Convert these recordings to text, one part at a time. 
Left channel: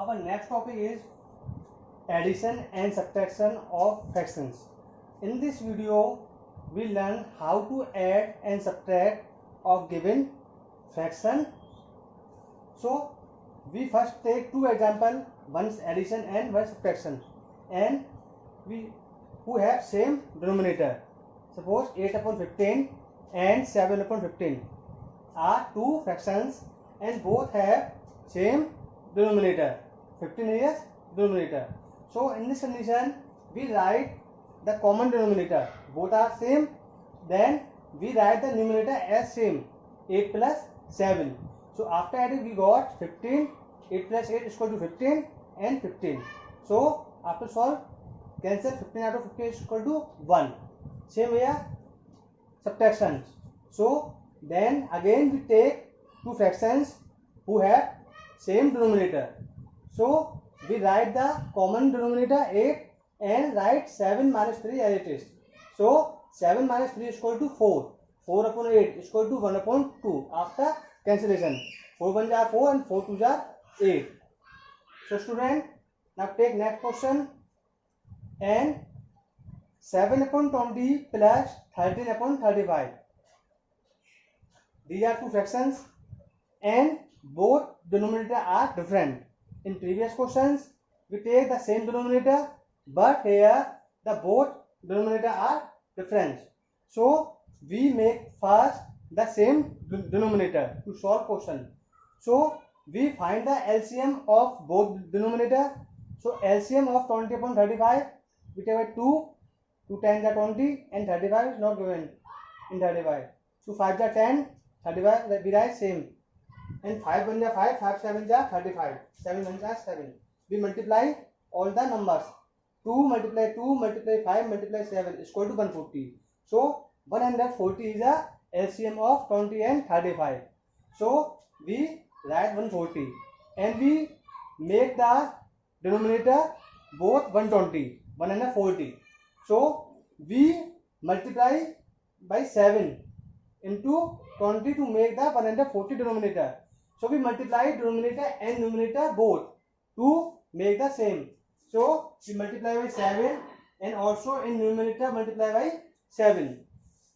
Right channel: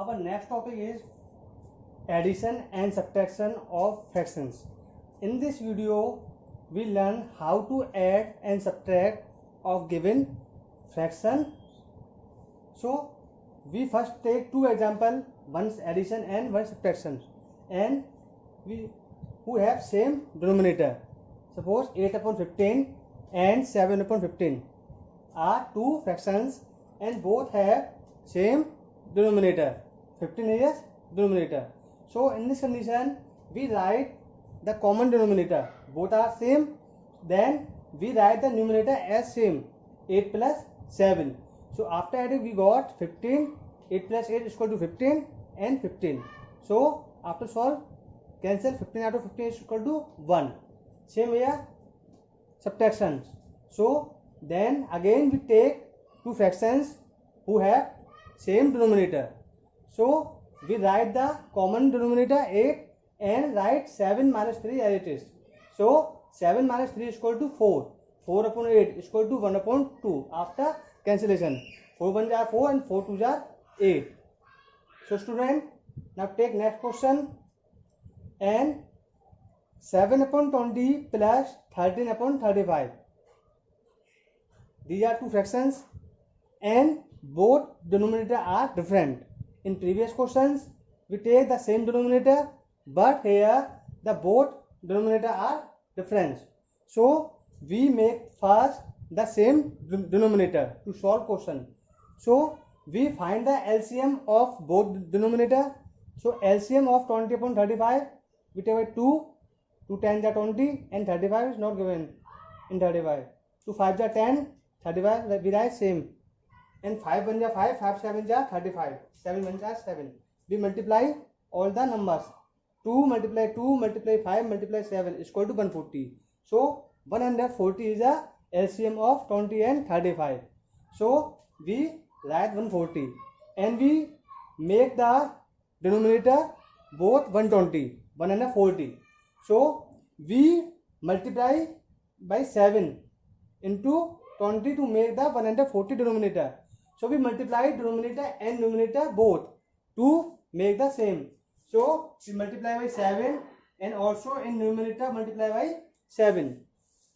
our next topic is addition and subtraction of fractions. In this video, we learn how to add and subtract of given fraction. So, we first take two examples, one addition and one subtraction, and we who have same denominator. Suppose 8 upon 15 and 7 upon 15 are two fractions and both have same denominator. 15 is denominator. So in this condition, we write the common denominator. Both are same. Then we write the numerator as same. 8 plus 7. So after adding, we got 15. 8 plus 8 is equal to 15 and 15. So after solve, cancel 15 out of 15 is equal to 1. Same here, subtractions. So then again we take two fractions who have same denominator. So we write the common denominator 8 and write 7 minus 3 as it is. So 7 minus 3 is equal to 4. 4 upon 8 is equal to 1 upon 2 after cancellation. 4 1s are 4 and 4 2s are 8. So student, now take next question. And 7 upon 20 plus 13 upon 35. These are two fractions and both denominator are different. In previous questions, we take the same denominator, but here the both denominator are different. So we make first the same denominator to solve question. So we find the LCM of both denominator. So LCM of 20 upon 35, we take 2 10s are 20 and 35 is not given in 35. So 5s are 10, 35 we write same. And 5 1s are 5, 5 7s are 35, 7 1s are 7. We multiply all the numbers. 2 multiply 2 multiply 5 multiply 7 is equal to 140. So 140 is a LCM of 20 and 35. So we write 140 and we make the denominator both 120, 140. So we multiply by 7 into 20 to make the 140 denominator. So we multiply denominator and numerator both to make the same. So we multiply by 7 and also in numerator multiply by 7.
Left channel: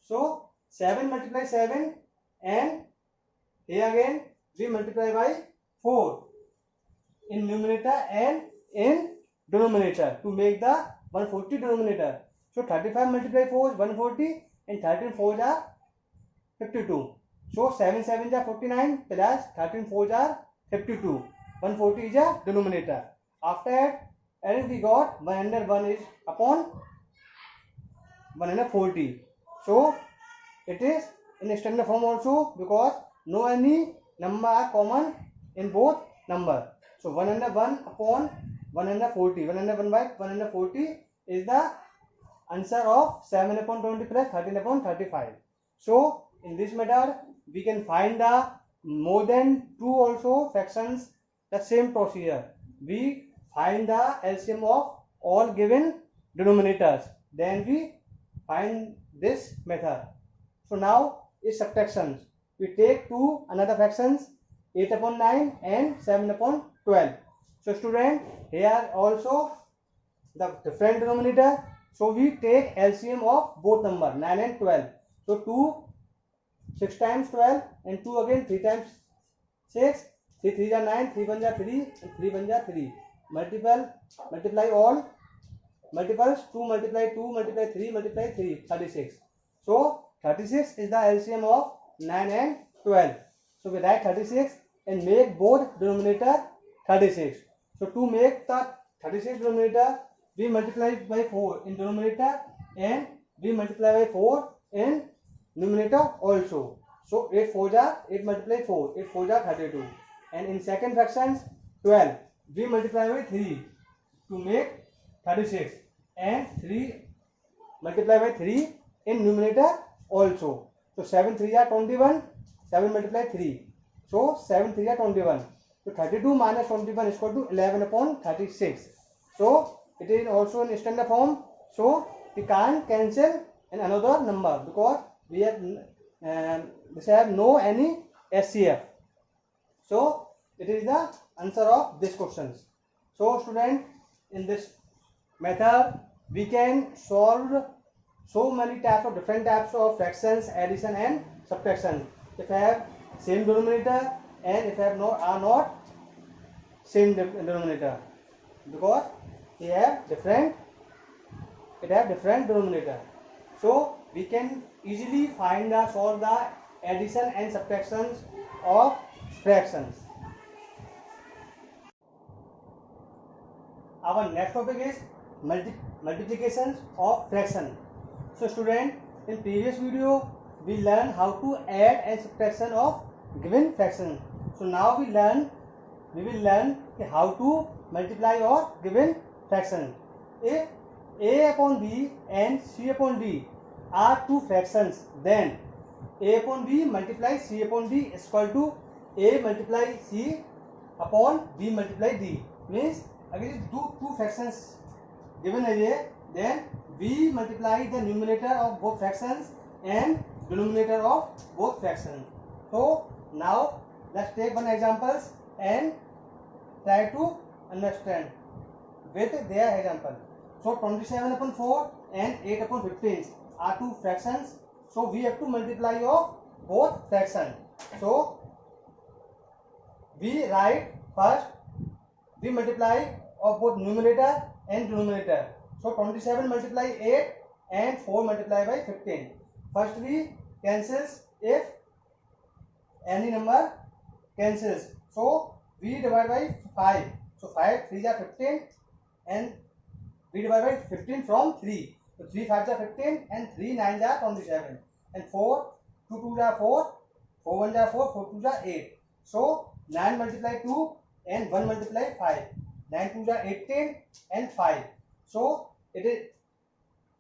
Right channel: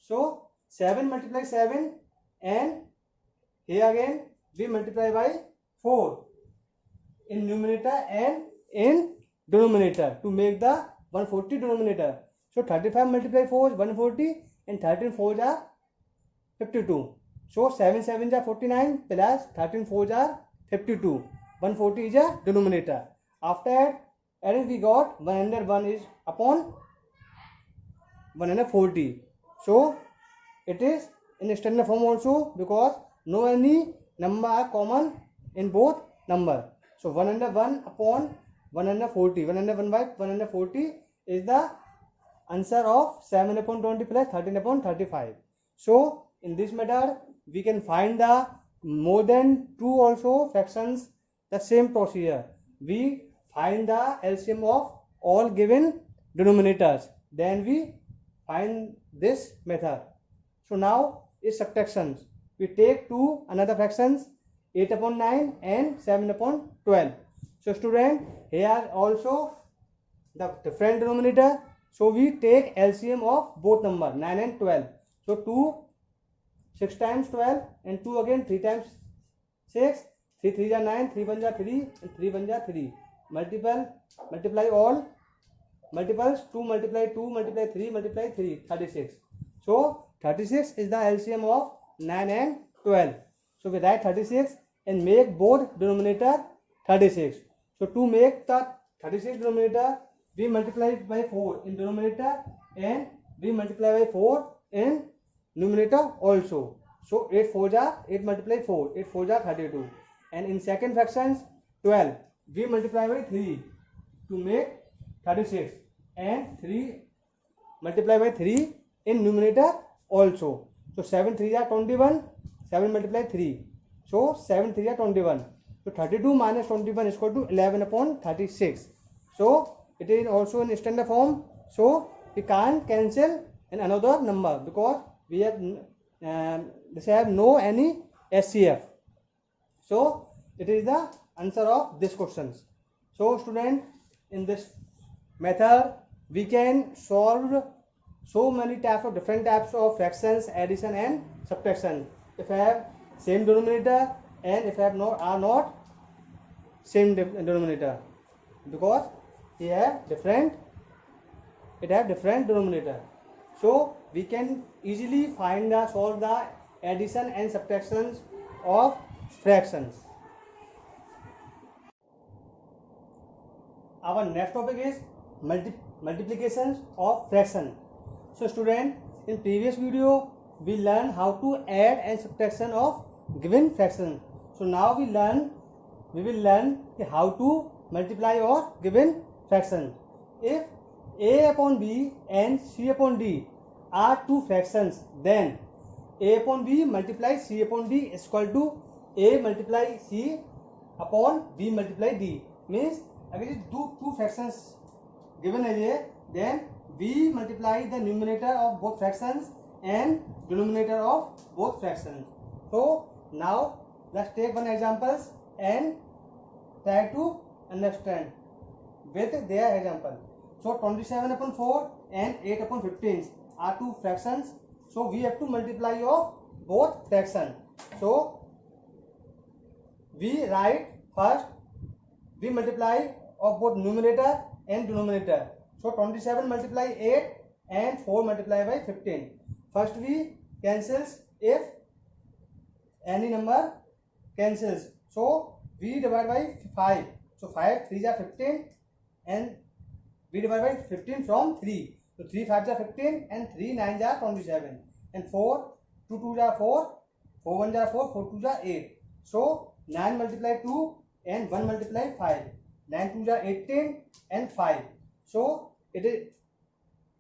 So 7 multiply 7 and here again we multiply by 4 in numerator and in denominator to make the 140 denominator. So 35 multiply 4 is 140 and 13 4s are 52. So 7 7s are 49 plus 13 4s are 52. 140 is a denominator. After adding we got 101 is upon 140. So it is in standard form also because no any number are common in both number. So 101 upon 140. 101 by 140 is the answer of 7 upon 20 plus 13 upon 35. So in this method we can find the more than two also fractions the same procedure. We find the LCM of all given denominators. Then we find this method. So now is subtractions. We take two another fractions 8 upon 9 and 7 upon 12. So student, here also the different denominator. So we take LCM of both number 9 and 12. So 2 6 times 12 and 2 again 3 times 6. 3 3s are 9, 3 1s are 3 and 3 1s are 3. Multiply all multiples. 2 multiply 2 multiply 3 multiply 3, 36. So 36 is the LCM of 9 and 12. So we write 36 and make both denominator 36. So to make the 36 denominator, we multiply by 4 in denominator and we multiply by 4 in numerator also. So 8 4s are 8 multiply 4, 8 4s are 32. And in second fractions 12, we multiply by 3 to make 36 and 3 multiply by 3 in numerator also. So 7 3s are 21, 7 multiply 3. So 7 3s are 21. So 32 minus 21 is equal to 11 upon 36. So it is also in standard form. So we can't cancel in another number because we have this have no any SCF. So it is the answer of this questions. So student, in this method we can solve so many types of different types of fractions, addition and subtraction. If I have same denominator and if I have not same denominator, because it have different denominator. So we can easily solve the addition and subtractions of fractions. Our next topic is multiplications of fraction. So student, in previous video we learned how to add and subtraction of given fraction. So now we will learn how to multiply of given fraction. If a upon b and c upon d are two fractions, then a upon b multiply c upon d is equal to a multiply c upon b multiply d. Means अगर two fractions given as a, then we multiply the numerator of both fractions and denominator of both fractions. So now let's take one examples and try to understand with their example. So 27 upon 4 and 8 upon 15 are two fractions. So we have to multiply of both fractions. So we write first, we multiply of both numerator and denominator. So 27 multiply 8 and 4 multiply by 15. First we cancels if any number cancels. So we divide by 5. So 5 3 are 15 and we divide by 15 from 3. So 3 5 are 15 and 3 9 are 27. And 4 2 2 are 4, 4 1 are 4, 4 2 are 8. So 9 multiply 2 and 1 multiply 5. 9 2 are 18 and 5. So it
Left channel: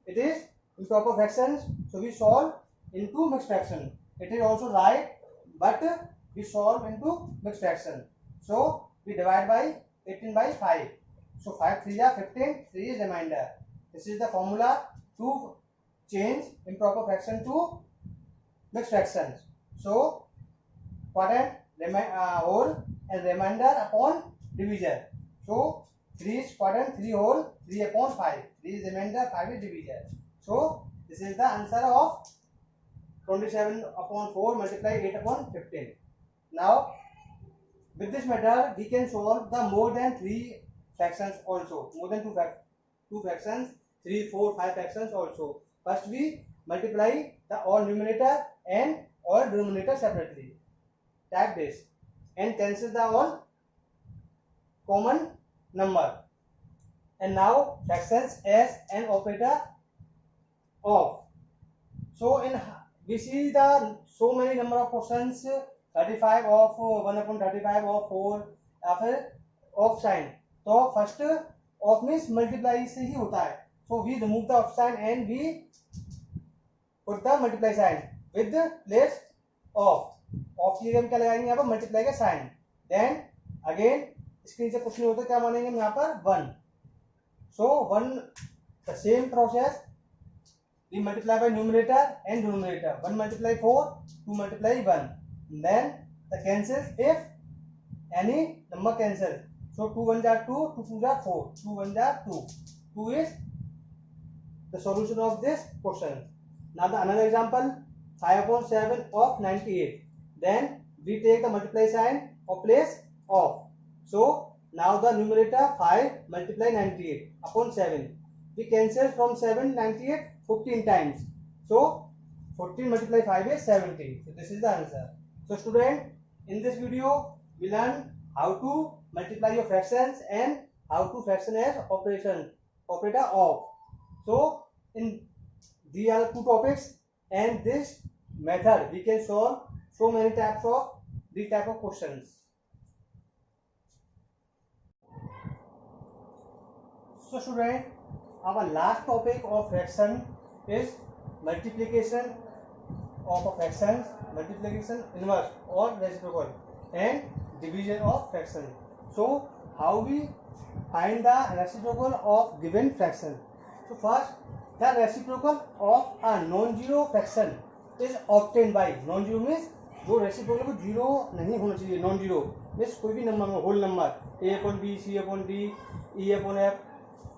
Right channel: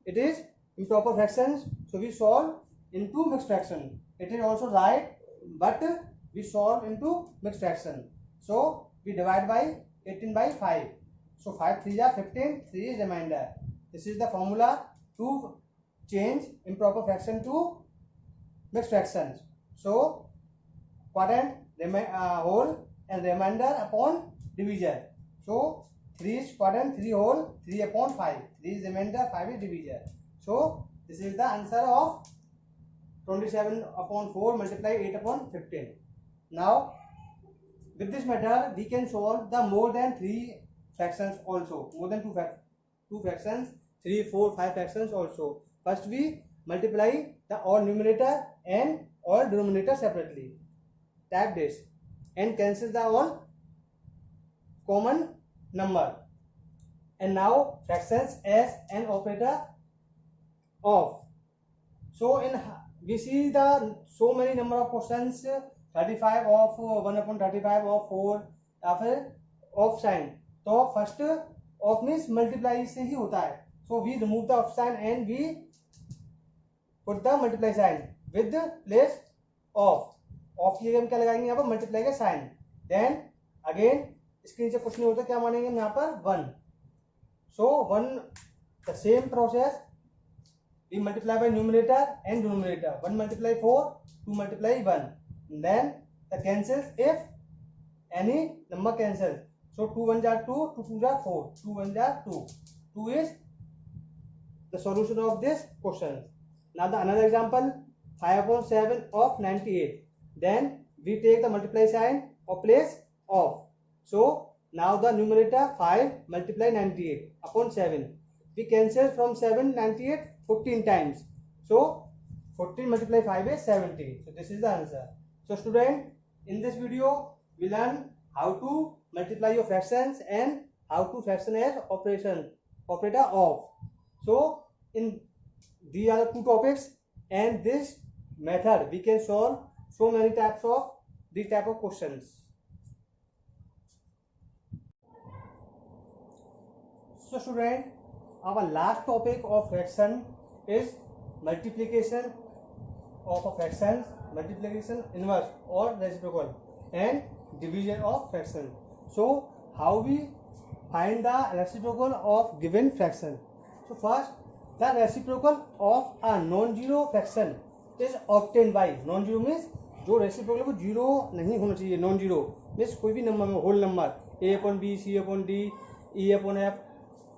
is improper fractions. So we solve into mixed fraction. It is also right, but we solve into mixed fraction. So we divide by 18 by 5. So 5 3 are 15, 3 is remainder. This is the formula to change improper fraction to mixed fractions. So quotient, whole and remainder upon divisor. So 3 is quotient, 3 whole, 3 upon 5. 3 is remainder, 5 is divisor. So this is the answer of 27 upon 4 multiply 8 upon 15. Now with this method we can solve the more than 3 fractions also. More than 2 fractions, 3, 4, 5 fractions also. First we multiply the all numerator and all denominator separately. Type this and cancel the all common number. And now fractions as an operator of. So in we see the so many number of questions, 35 of 1 upon 35 of 4 या फिर of sign. तो first of means multiply से ही होता है. So we remove the of sign and we put the multiply sign with place of. Of की जगह हम क्या लगाएंगे यहाँ पर मल्टीप्लाई का साइन. देन अगेन इसके नीचे कुछ नहीं होता, क्या मानेंगे हम यहाँ पर 1. सो 1 the same process, we multiply by numerator and denominator. 1 multiply 4, 2 multiply 1. Then the cancels if any number cancels. So 2 1 are 2, 2 2 are 4, 2 1 are 2. 2 is the solution of this question. Now the another example, 5 upon 7 of 98. Then we take the multiply sign or place of. So now the numerator 5 multiply 98 upon 7. We cancel from 7 98 14 times. So 14 multiply 5 is 70. So this is the answer. So student, in this video we learn how to multiply your fractions and how to fraction as operator of. So in these are 2 topics, and this method we can solve so many types of these type of questions. So student, our last topic of fraction is multiplication of a fraction, multiplication inverse or reciprocal, and division of fraction. So how we find the reciprocal of given fraction? So first, the reciprocal of a non-zero fraction is obtained by. Non-zero means जो reciprocal को zero नहीं होना चाहिए. Non zero means कोई भी number में whole number a upon b, c upon d, e upon f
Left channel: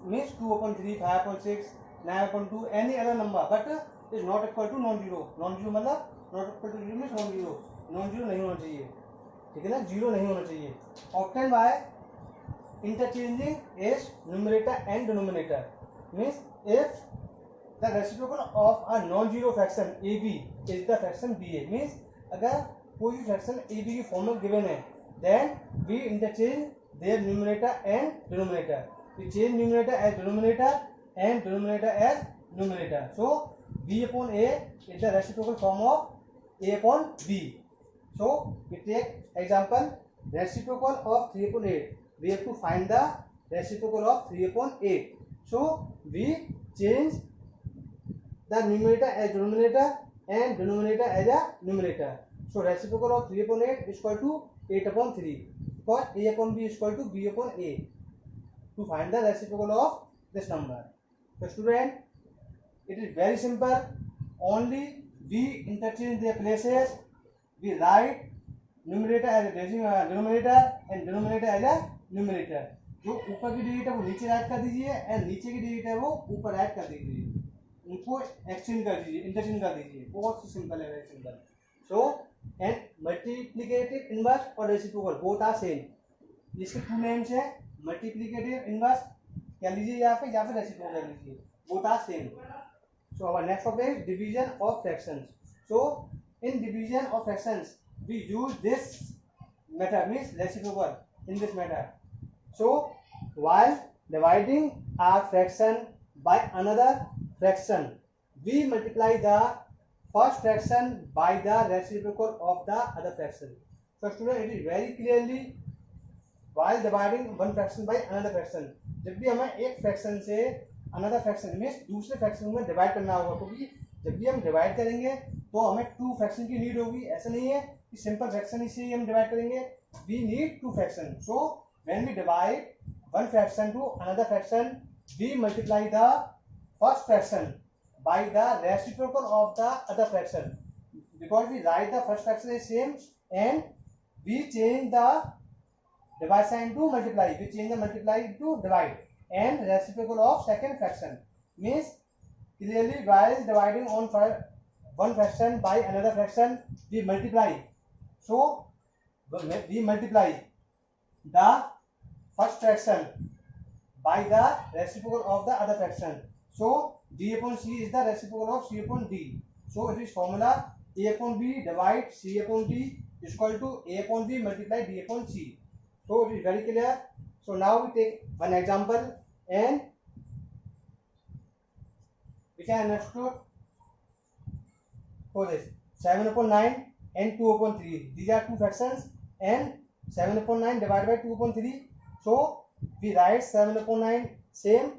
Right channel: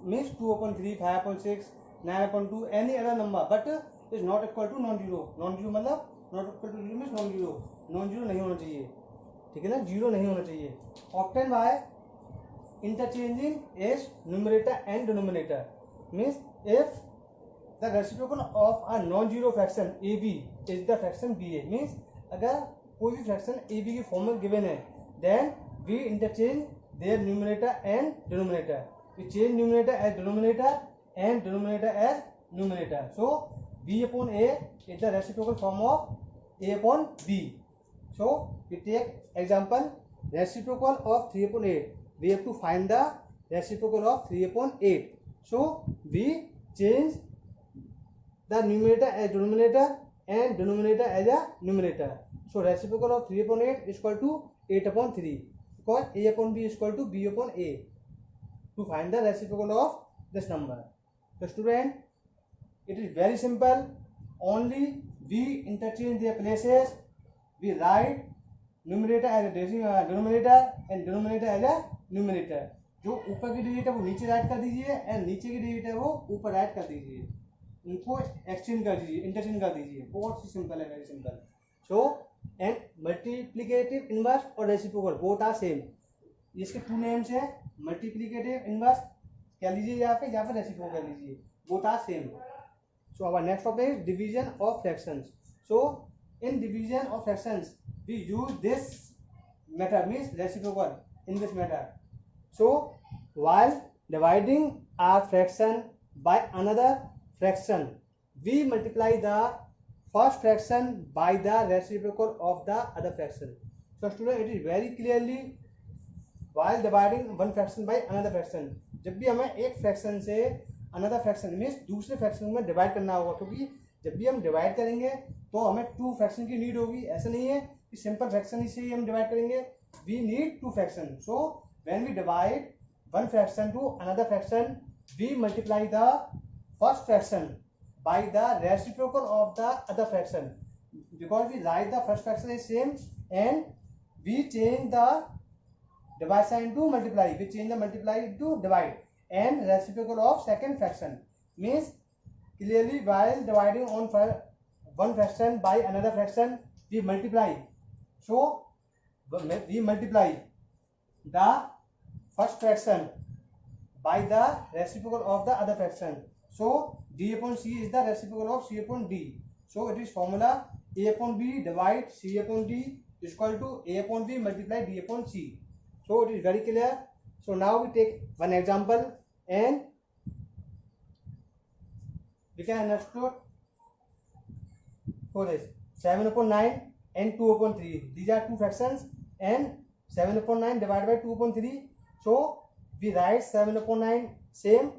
means 2 upon 3, 5 upon 6, 9 upon 2, any other number, but is not equal to non zero. Non zero मतलब not equal to zero means non zero. Non zero नहीं होना चाहिए, ठीक है ना, zero नहीं होना चाहिए. Obtain by interchanging is numerator and denominator. Means if the reciprocal of a non-zero fraction AB is the fraction BA, means अगर कोई भी fraction AB की form में given है, then we interchange their numerator and denominator. We change numerator as denominator and denominator as numerator. So B upon A is the reciprocal form of A upon B. So we take example, reciprocal of 3 upon 8. We have to find the reciprocal of 3 upon 8. So we change the numerator as denominator and denominator as a numerator. So reciprocal of 3 upon 8 is equal to 8 upon 3, because A upon B is equal to B upon A to find the reciprocal of this number. So student, it is very simple. Only we interchange their places. We write numerator as a denominator and denominator as a numerator. जो ऊपर की digit है वो नीचे add कर दीजिए and नीचे की डिजिट है वो ऊपर ऐड कर दीजिए. उनको एक्सचेंज कर दीजिए, इंटरचेंज कर दीजिए. बहुत ही सिंपल है, very simple. So and multiplicative inverse और रेसिप्रोकल बोथ आर सेम. इसके टू नेम्स है, मल्टीप्लिकेटिव इनवर्स क्या लीजिए या फिर रेसिप्रोकल लीजिए, both are same. So our next topic is division of fractions. So in division of fractions we use this method, means reciprocal in this method. So while dividing a fraction by another fraction, we multiply the first fraction by the reciprocal of the other fraction. So student, it is very clearly while dividing one fraction by another fraction, जब भी हमें एक fraction से another fraction में दूसरे fraction में divide करना होगा, क्योंकि जब भी हम डिवाइड करेंगे तो हमें टू फ्रैक्शन की नीड होगी. ऐसा नहीं है कि सिंपल फ्रैक्शन से ही हम डिवाइड करेंगे. We need two fractions. So when we divide one fraction to another fraction, we multiply the first fraction by the reciprocal of the other fraction, because we write the first fraction is same and we change the divide sign to multiply. We change the multiply to divide and reciprocal of second fraction. Means clearly while dividing on one fraction by another fraction, we multiply. So we multiply the first fraction by the reciprocal of the other fraction. So d upon c is the reciprocal of c upon d. So it is formula a upon b divide c upon d is equal to a upon b multiply d upon c. So it is very clear. So now we take one example and we can understand for this. 7 upon 9 and 2 upon 3. These are two fractions and 7 upon 9 divided by 2 upon 3. So we write 7 upon 9 same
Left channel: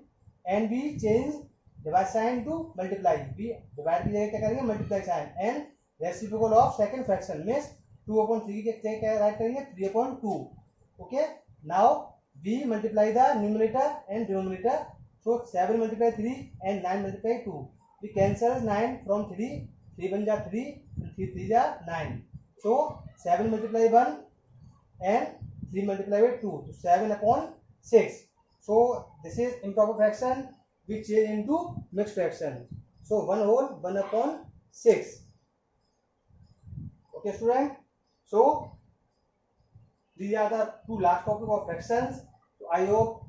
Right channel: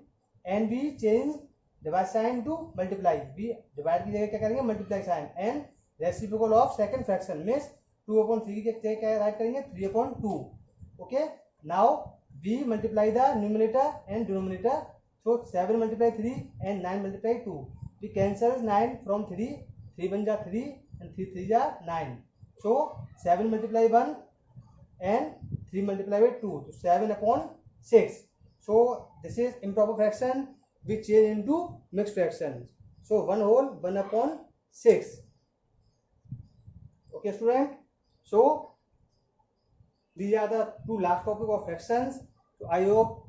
and we change divide sign to multiply. We divide की जगह क्या करेंगे, multiply sign and reciprocal of second fraction means 2 upon 3 के जगह क्या write करेंगे 3 upon 2. Okay, now we multiply the numerator and denominator. So 7 multiply 3 and 9 multiply 2. We cancel 9 from 3. 3 1 जा 3 and 3 3 जा 9. So 7 multiply 1 and 3 multiply by 2. So 7 upon 6. So this is improper fraction. We change into mixed fraction. So 1 whole 1 upon 6. Okay student. So these are the two last topic of fractions. So I hope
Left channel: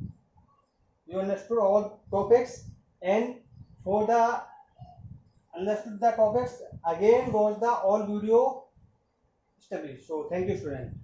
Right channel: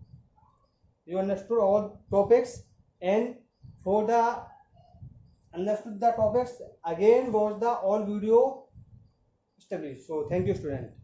you understood all topics, and for the understood the topics again was the all video established. So thank you student.